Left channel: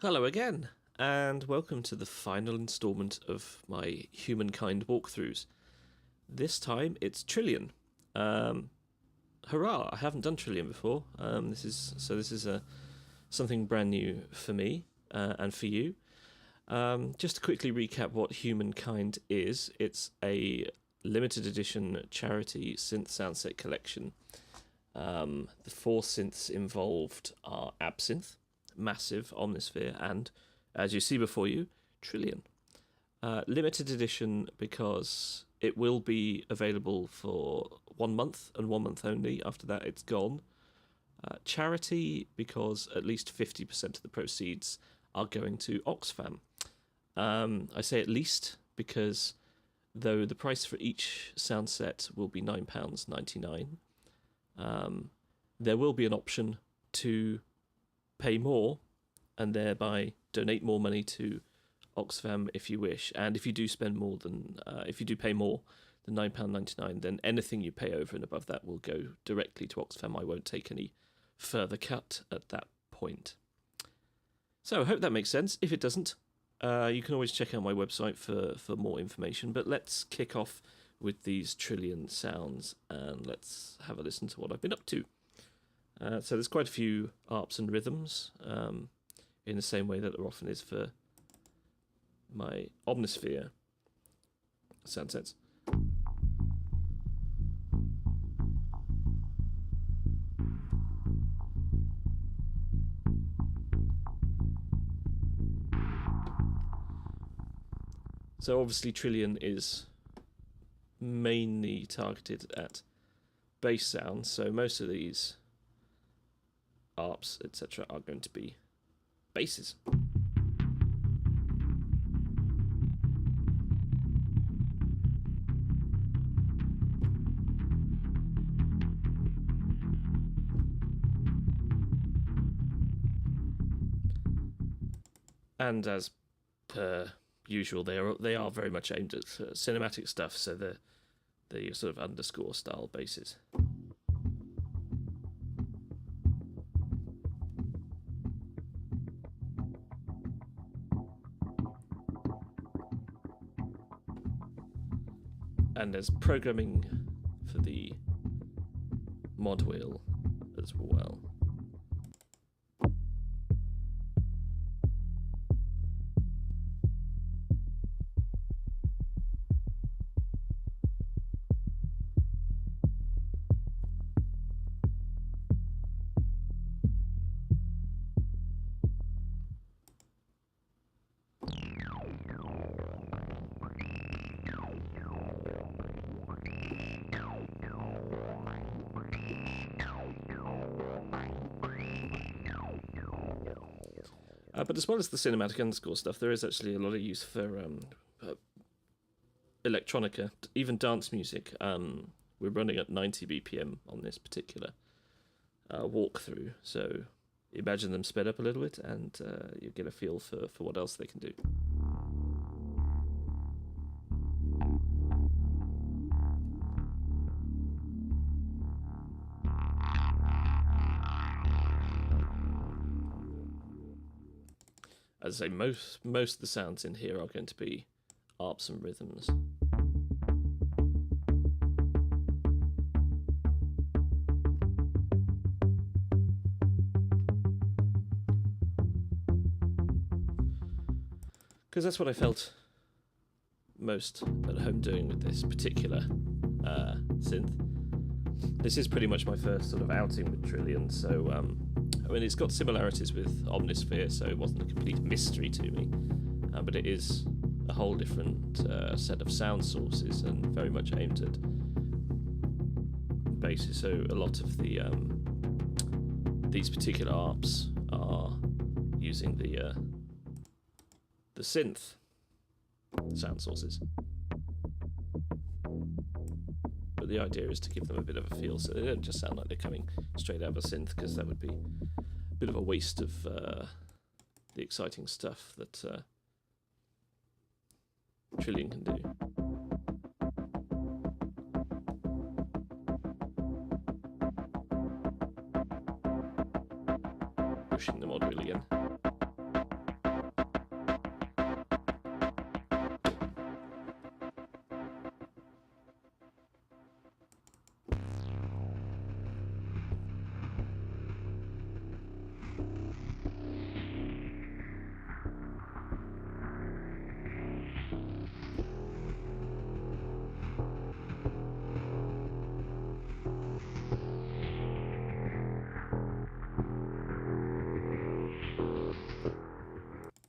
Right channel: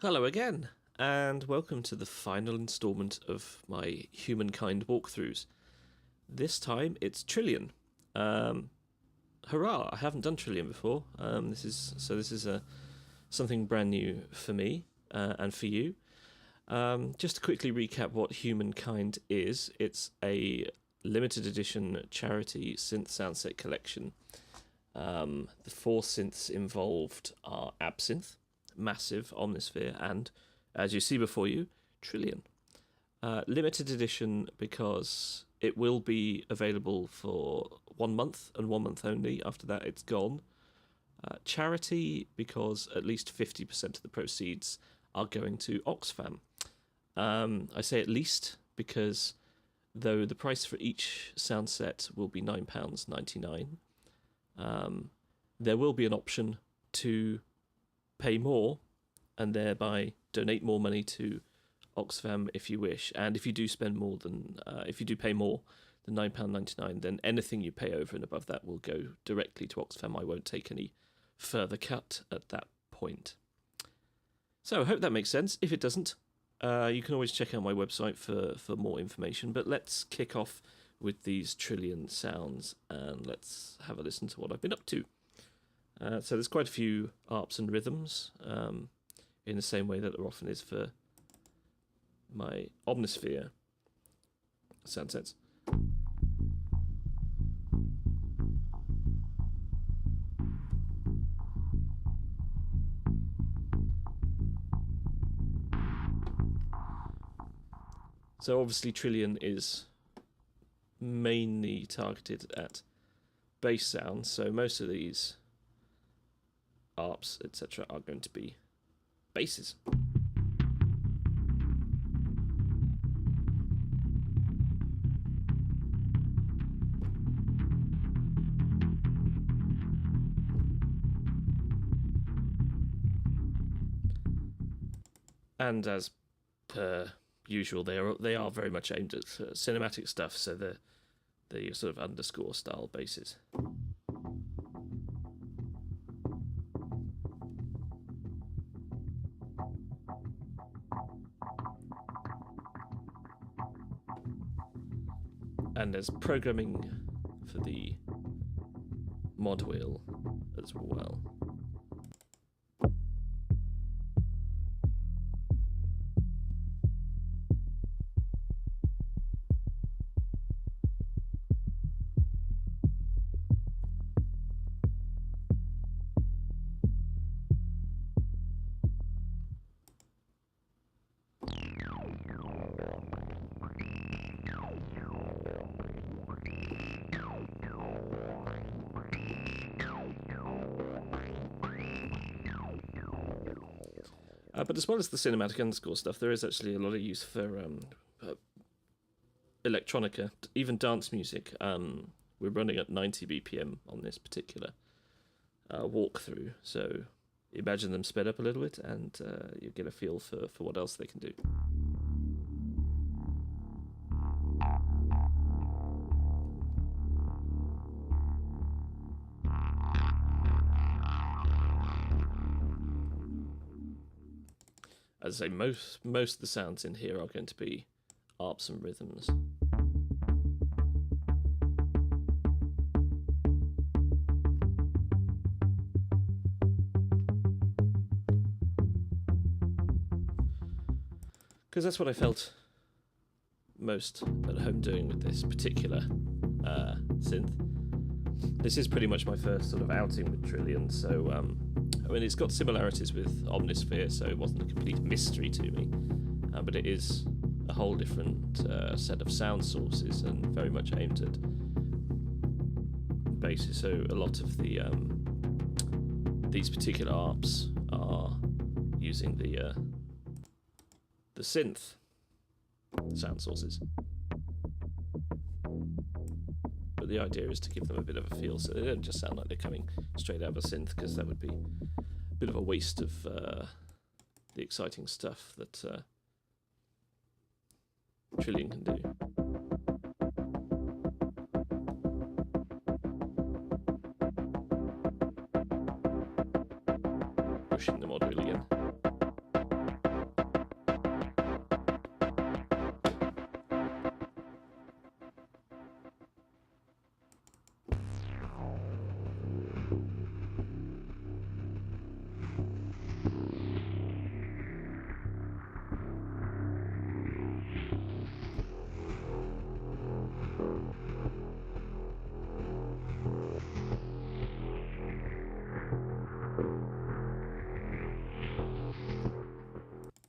Hello again, and welcome to the final instalment of my Humankind walkthroughs. This time it's Trillian. Hurrah! I haven't done Trillian before. This is something brand new for me and for you. Just to quickly recap what Humankind is, it's a limited edition charity synth soundset collection. The four synths involved are Absinthe, Massive, Omnisphere, and, as you see before you, Trillian. Limited edition because it will be available for 1 month and 1 month only. After that, it's gone. Charity because at least 50% of the proceeds are going to Oxfam. I say at least because though the price for each sound set will be £9.99, there will be an option to pay more and thereby donate more money to Oxfam if you wish. And if you do spend more than, if you do pay more than £9.99, then anything you pay over and above that will go directly to Oxfam. I won't take any further cut at that point. So I hope that makes sense. If it doesn't, you can always check out my website for more information. But let's kick off with these Trillian sounds and let's have a listen to what I've been up to. So there's quite a few arps and rhythms, in the same way that there often is for my Omnisphere sound sets. So obviously Trillian is mainly targeted at bass sounds, so most of these arps, etc., are going to be basses. And as per usual, they are very much aimed at cinematic stuff, so they're your sort of underscore style basses. And there's programming for the mod wheel as well. But as well as the cinematic underscore stuff, there is actually a lot of use for electronica, even dance music. We're running at 90 BPM on this particular walkthrough, so imagine them sped up a little bit and you get a feel for what else they can do. As I say, most of the sounds in here are going to be arps and rhythms. Because that's what I felt most at home doing with this particular synth. This is pretty much my first sort of outing with Trillian, so I mean, it's got similarities with Omnisphere, so it wasn't a complete mystery to me, but it is a whole different set of sound sources and very much aimed at basses. So a lot of the these particular arps are using the synth sound sources. But the idea is to give them a bit of a feel so they don't just sound like they're coming straight out of a synth, because that would be a bit of a waste of the exciting stuff that Trillian can do. Pushing the mod wheel again.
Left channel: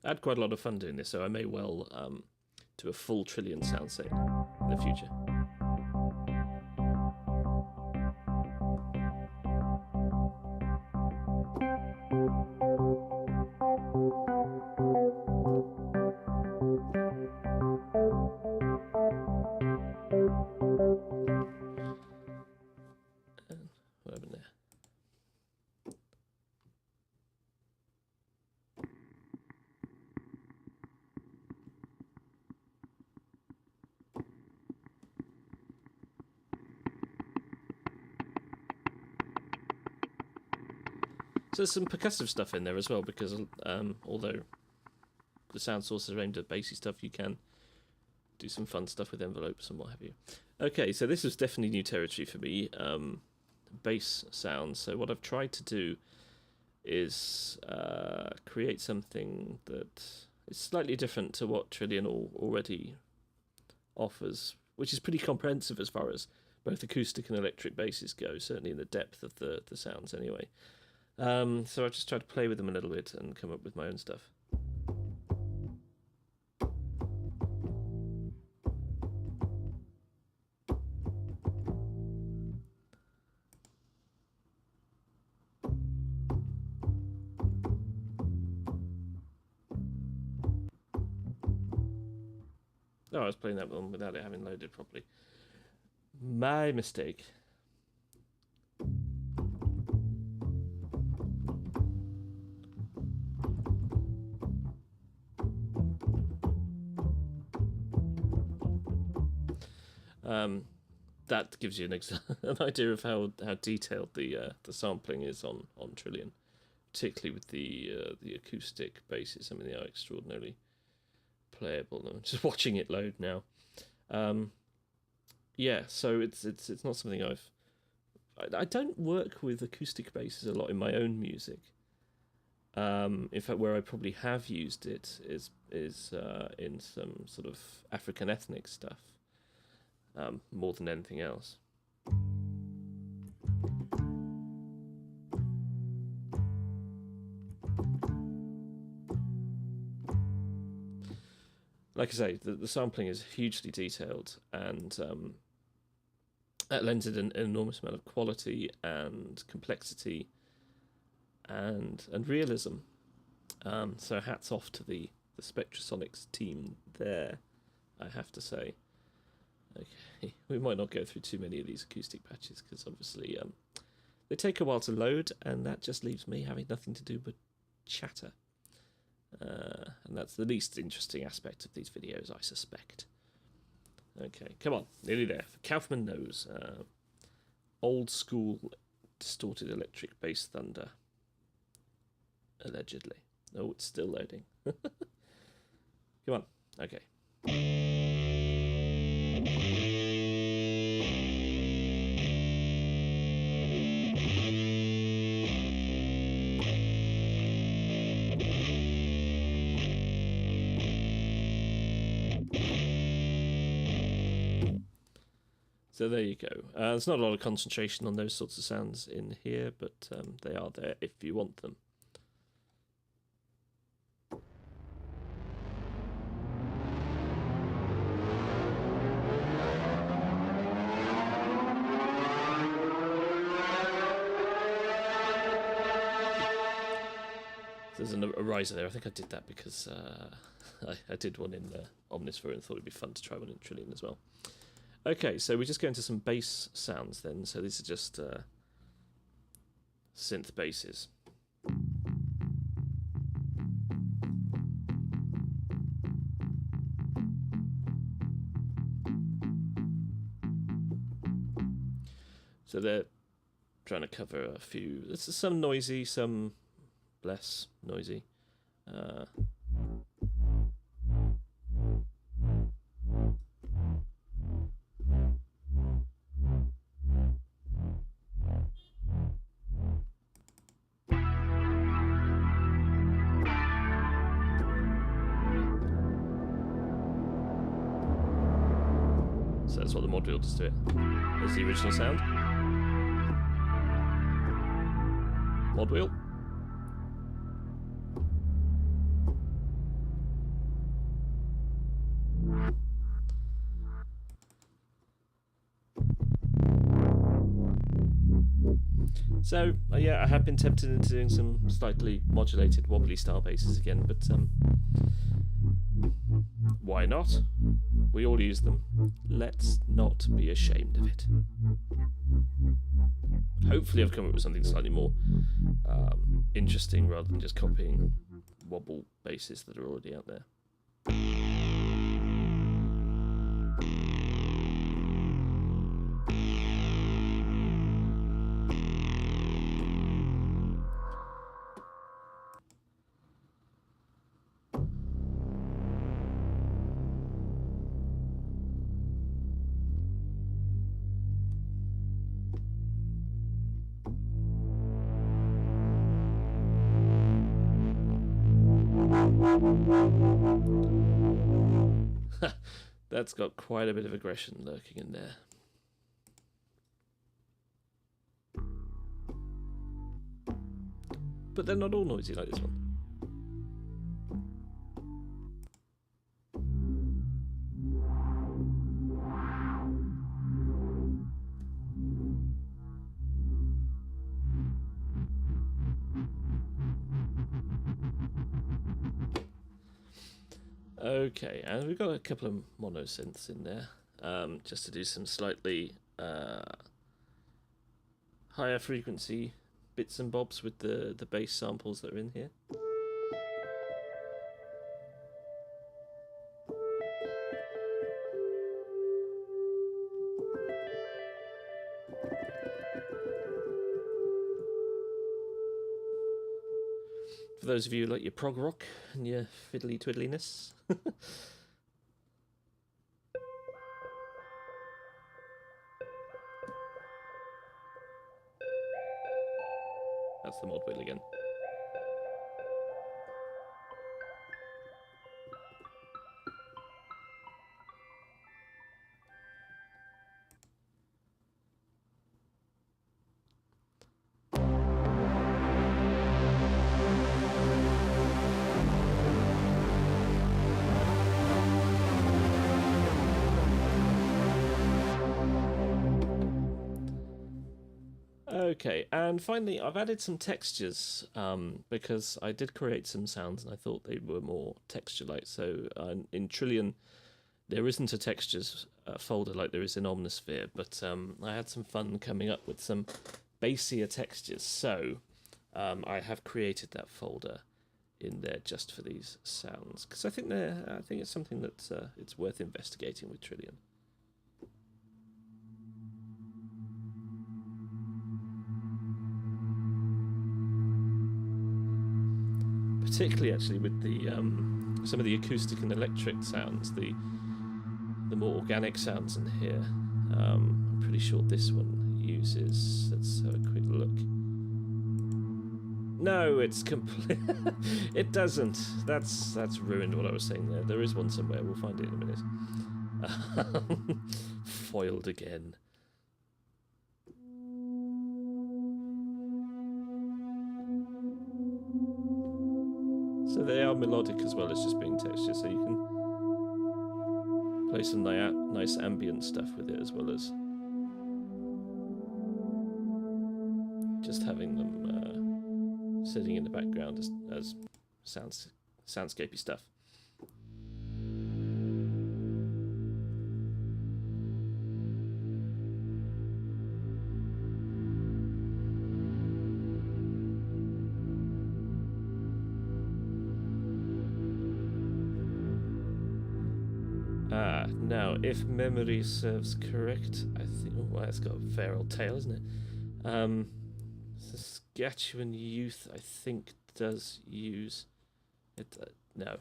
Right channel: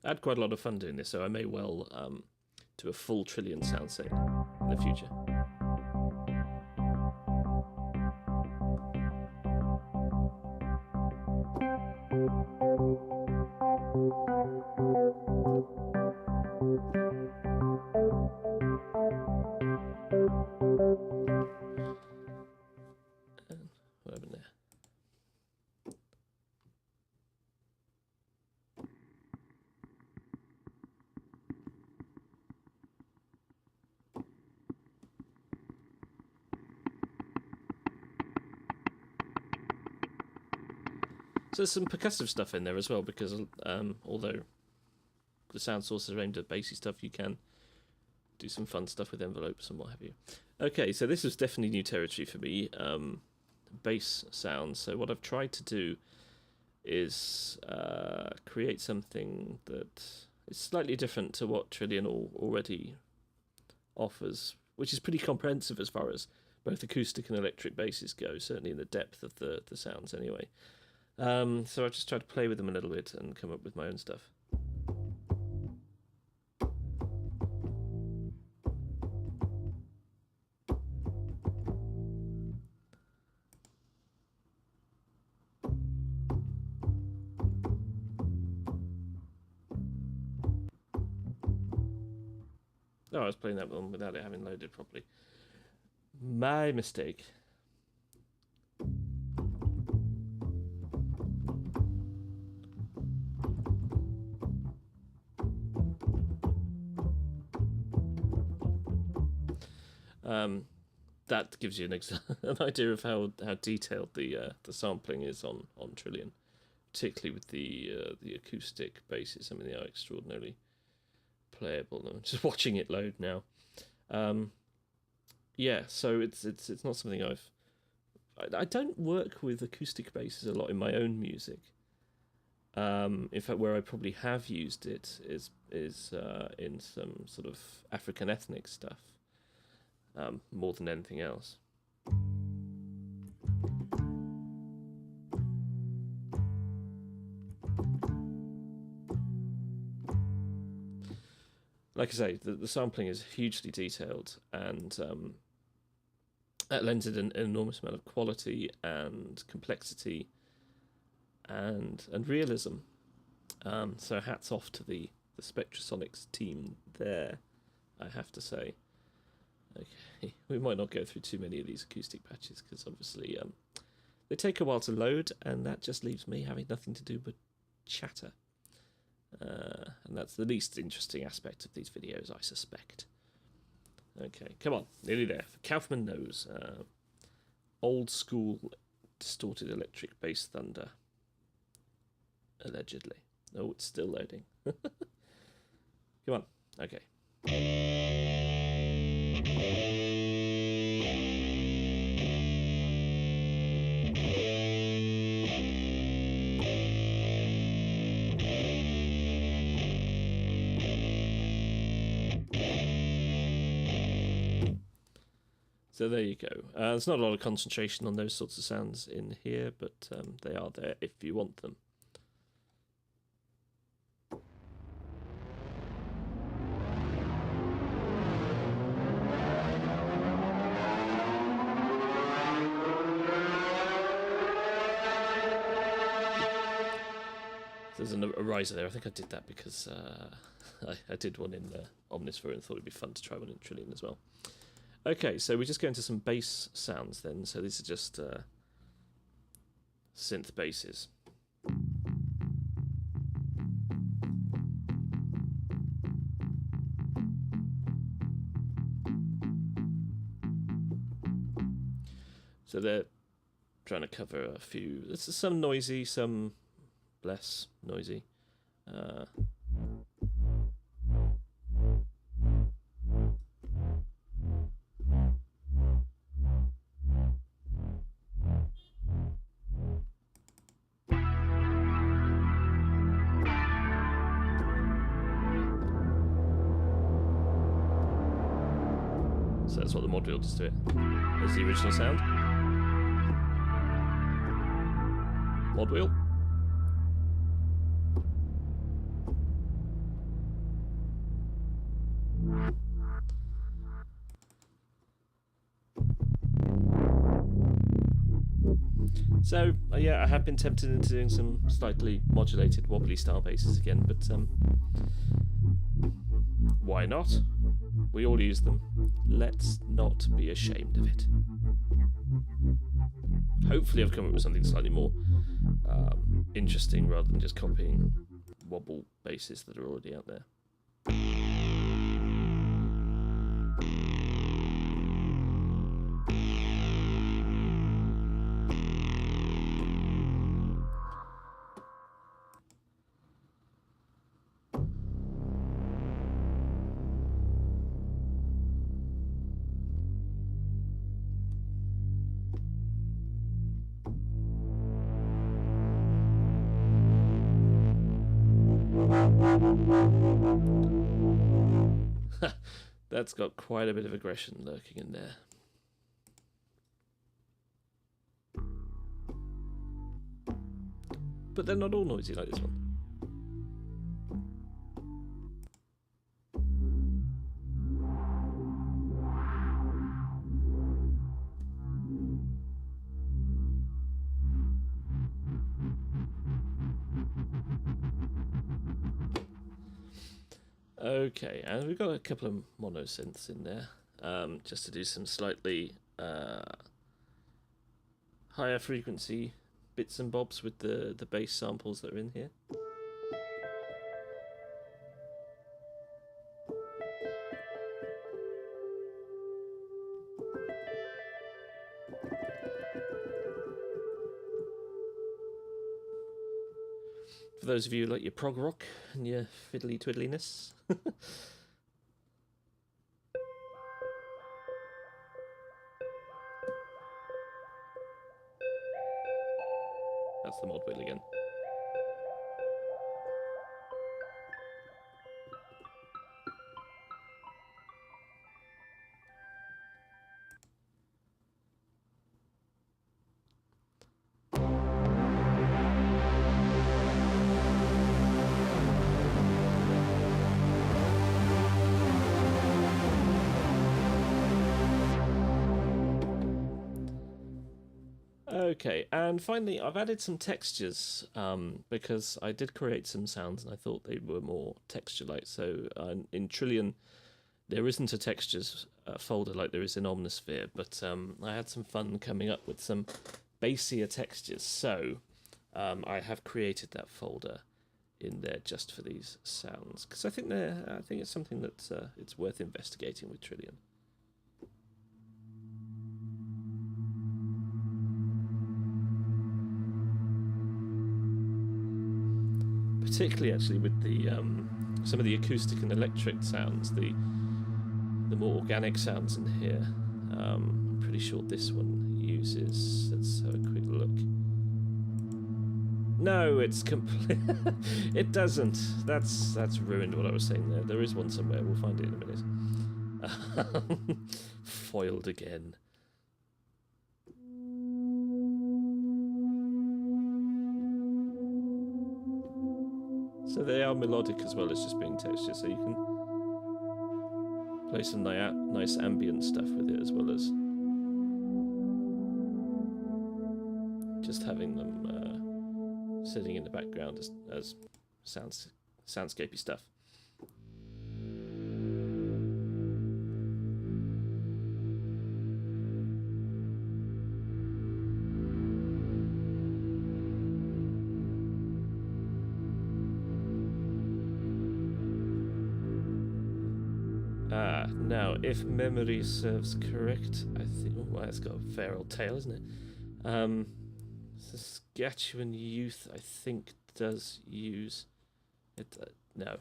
I had quite a lot of fun doing this, so I may well do a full Trillian sound set in the future. What happened there? So there's some percussive stuff in there as well, because although the sound source is aimed at bassy stuff, you can do some fun stuff with envelopes and what have you. Okay, so this is definitely new territory for me, bass sounds. So what I've tried to do is create something that is slightly different to what Trillian already offers, which is pretty comprehensive as far as both acoustic and electric basses go, certainly in the depth of the sounds anyway. So I've just tried to play with them a little bit and come up with my own stuff. Oh, I was playing that one without it having loaded properly. My mistake. That gives you an idea of how detailed the sampling is on Trillian, particularly with the acoustic basses. I mean, they are extraordinarily playable. I'm just watching it load now. Yeah, so it's not something I don't work with acoustic basses a lot in my own music. In fact, where I probably have used it is in some sort of African ethnic stuff. More than anything else. Like I say, the sampling is hugely detailed, and that lends it an enormous amount of quality and complexity and realism. So hats off to the Spectrasonics team there, I have to say. Okay, we might not go through too many of these acoustic patches because obviously they take a while to load, and that just leaves me having nothing to do but chatter. And that's the least interesting aspect of these videos, I suspect. Okay, come on, nearly there. Kaufman knows. Old school distorted electric bass thunder. Allegedly. Oh, it's still loading. Come on, okay. So there you go. There's not a lot of concentration on those sorts of sounds in here, but they are there if you want them. There's a riser there. I think I did that because I did one in Omnisphere and thought it'd be fun to try one in Trillian as well. Okay, so we just go into some bass sounds then. So these are just synth basses. So they're trying to cover a few. This is some noisy, some less noisy. So that's what the mod wheel does to it. There's the original sound. Mod wheel. So yeah, I have been tempted into doing some slightly modulated, wobbly style basses again, but why not? We all use them. Let's not be ashamed of it. Hopefully I've come up with something slightly more interesting rather than just copying wobble basses that are already out there. That's got quite a bit of aggression lurking in there. But they're not all noisy like this one. Okay, and we've got a couple of mono synths in there, just to do some slightly higher frequency bits and bobs with the bass samples that are in here. For those of you who like your prog rock and your fiddly twiddliness. That's the mod wheel again. Okay, and finally I've added some textures because I did create some sounds and I thought they were more texture-like. So in Trillian there isn't a textures folder like there is in Omnisphere, but I had some fun coming up with some bassier textures. So I have created that folder in there just for these sounds because I think it's something that it's worth investigating with Trillian. Particularly, actually, with the some of the acoustic and electric sounds, the more organic sounds in here. I'm pretty sure this one uses. Let's have a quick look. No, it's complete. It doesn't. That's ruined what I was saying there. There is one somewhere. We'll find it in a minute. Foiled again. So they are melodic as well as just being texture, so you can play some nice ambient stuff with it as well as just having them sitting in the background as soundscapey stuff. Now, if memory serves correct, I think... Oh, well, it's got a fair old tail, isn't it? Saskatchewan Youth, I think, does use... it. No.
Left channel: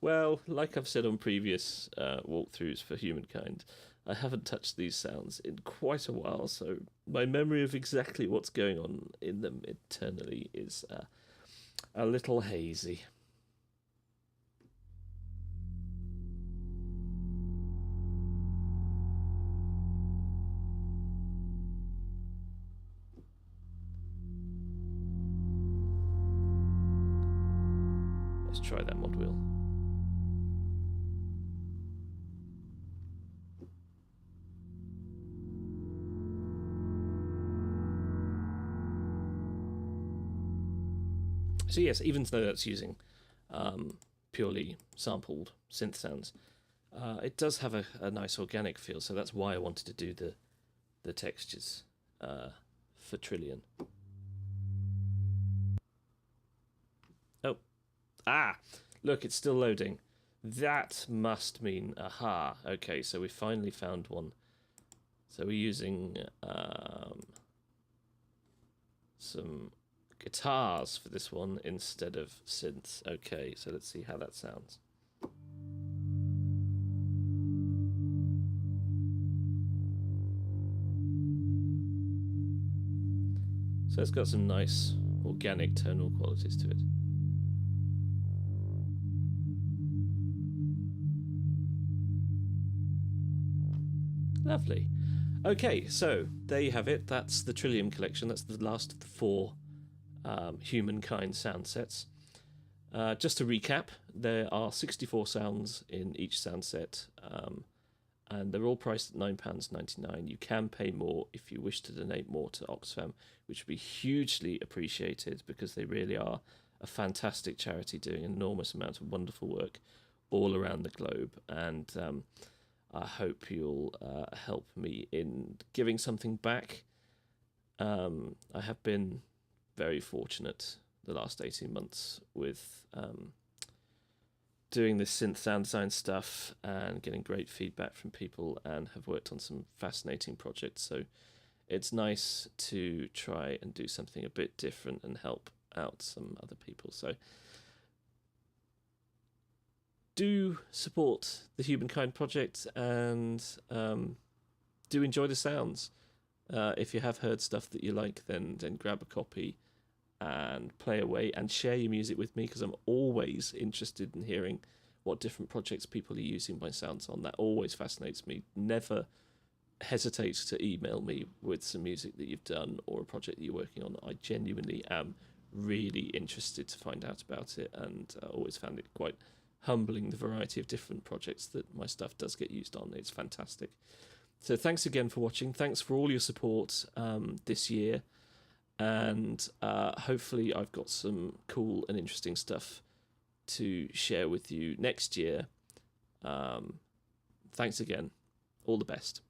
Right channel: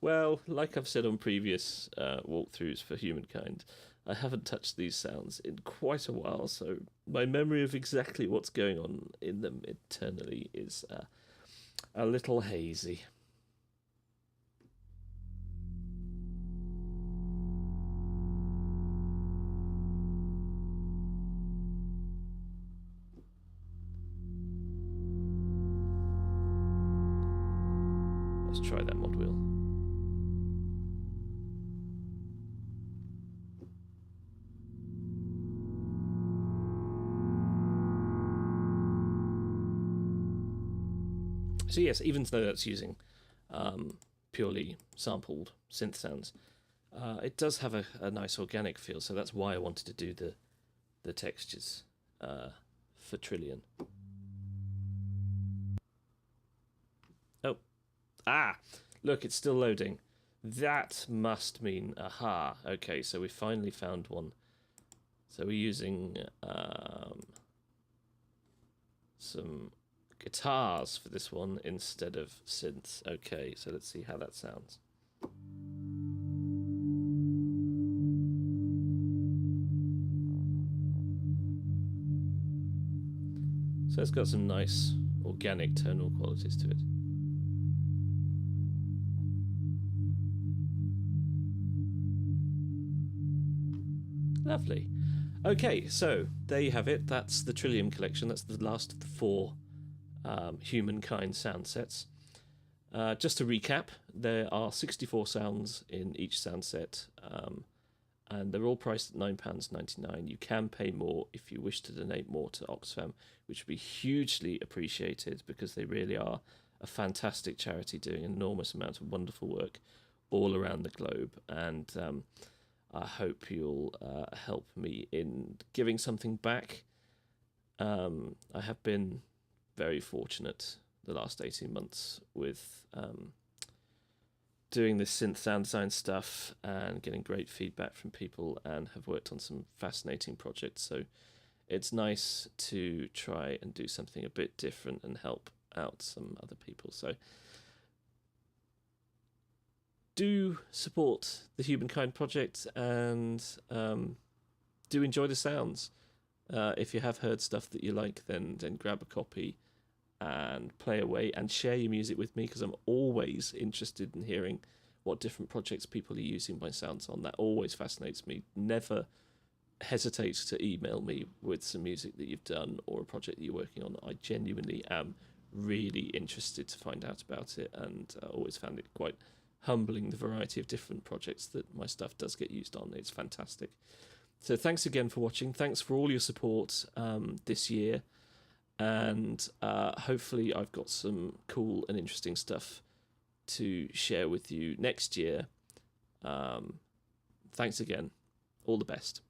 Well, like I've said on previous walkthroughs for Humankind, I haven't touched these sounds in quite a while, so my memory of exactly what's going on in them internally is a little hazy. Let's try that mod wheel. So yes, even though that's using purely sampled synth sounds, it does have a nice organic feel. So that's why I wanted to do the textures for Trillian. Look, it's still loading. That must mean aha. Okay, so we finally found one. So we're using some guitars for this one instead of synths. Okay, so let's see how that sounds. So it's got some nice organic tonal qualities to it. Lovely. Okay, so there you have it. That's the Trillian collection. That's the last of the 4 Humankind sound sets. Just to recap, there are 64 sounds in each sound set, and they're all priced at £9.99. You can pay more if you wish to donate more to Oxfam, which would be hugely appreciated because they really are a fantastic charity doing an enormous amount of wonderful work all around the globe. And I hope you'll help me in giving something back. I have been very fortunate the last 18 months with doing this synth sound design stuff and getting great feedback from people, and have worked on some fascinating projects. So it's nice to try and do something a bit different and help out some other people. So do support the Humankind project, and do enjoy the sounds. If you have heard stuff that you like, then grab a copy and play away and share your music with me, because I'm always interested in hearing what different projects people are using my sounds on. That always fascinates me. Never hesitate to email me with some music that you've done or a project that you're working on. I genuinely am really interested to find out about it, and I always found it quite humbling, the variety of different projects that my stuff does get used on. It's fantastic. So thanks again for watching. Thanks for all your support this year, and hopefully I've got some cool and interesting stuff to share with you next year. Thanks again. All the best.